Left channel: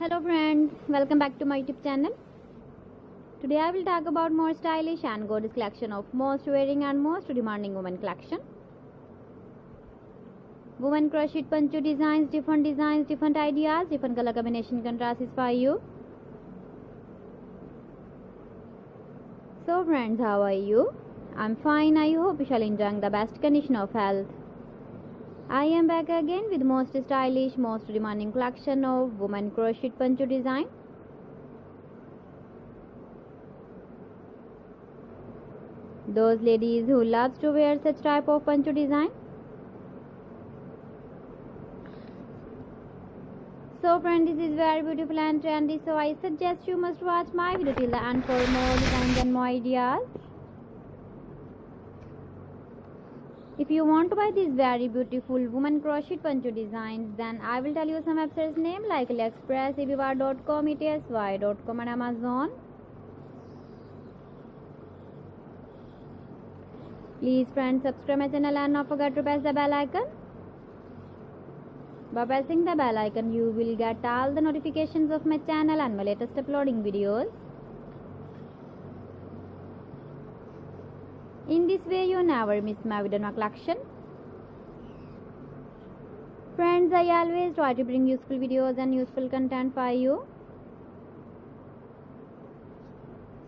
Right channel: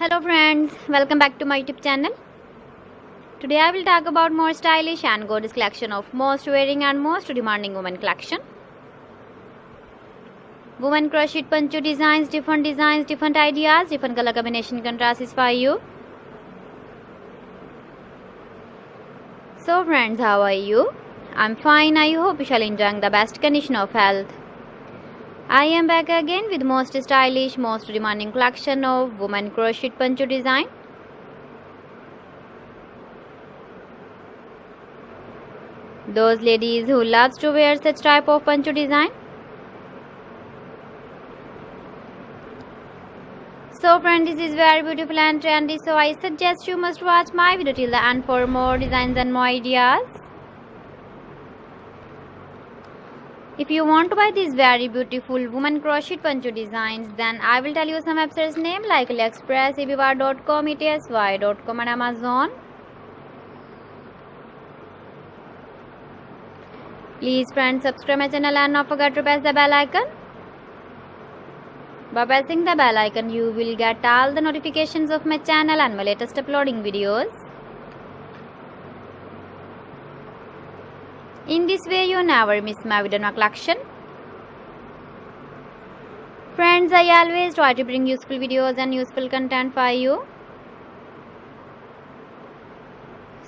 Hello friends, welcome back to my YouTube channel. Today I will talk about more stylish and gorgeous collection of most wearing and most demanding women collection. Women crochet poncho designs, different ideas, different color combination contrasts for you. So friends, how are you? I'm fine. I hope you shall enjoying the best condition of health. I am back again with most stylish, most demanding collection of women crochet poncho design. Those ladies who loves to wear such type of poncho design. So friend, this is very beautiful and trendy, so I suggest you must watch my video till the end for more designs and more ideas. If you want to buy these very beautiful woman crochet poncho designs, then I will tell you some websites name like AliExpress, eBay.com, ETSY.com and Amazon. Please friends, subscribe my channel and not forget to press the bell icon. By pressing the bell icon, you will get all the notifications of my channel and my latest uploading videos. In this way, you never miss my video or collection. Friends, I always try to bring useful videos and useful content for you.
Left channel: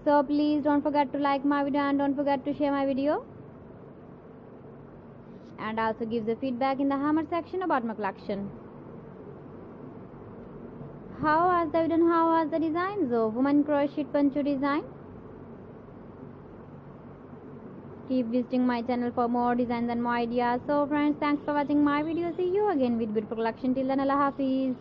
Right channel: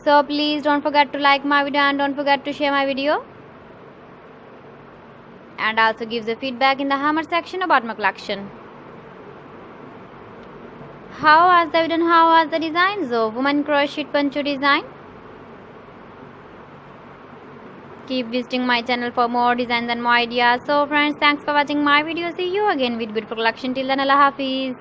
So please don't forget to like my video and don't forget to share my video. And also give the feedback in the hammer section about my collection. How was the video and how was the designs of woman crochet poncho design? Keep visiting my channel for more designs and more ideas. So friends, thanks for watching my video. See you again with beautiful collection. Till then, Allah Hafiz.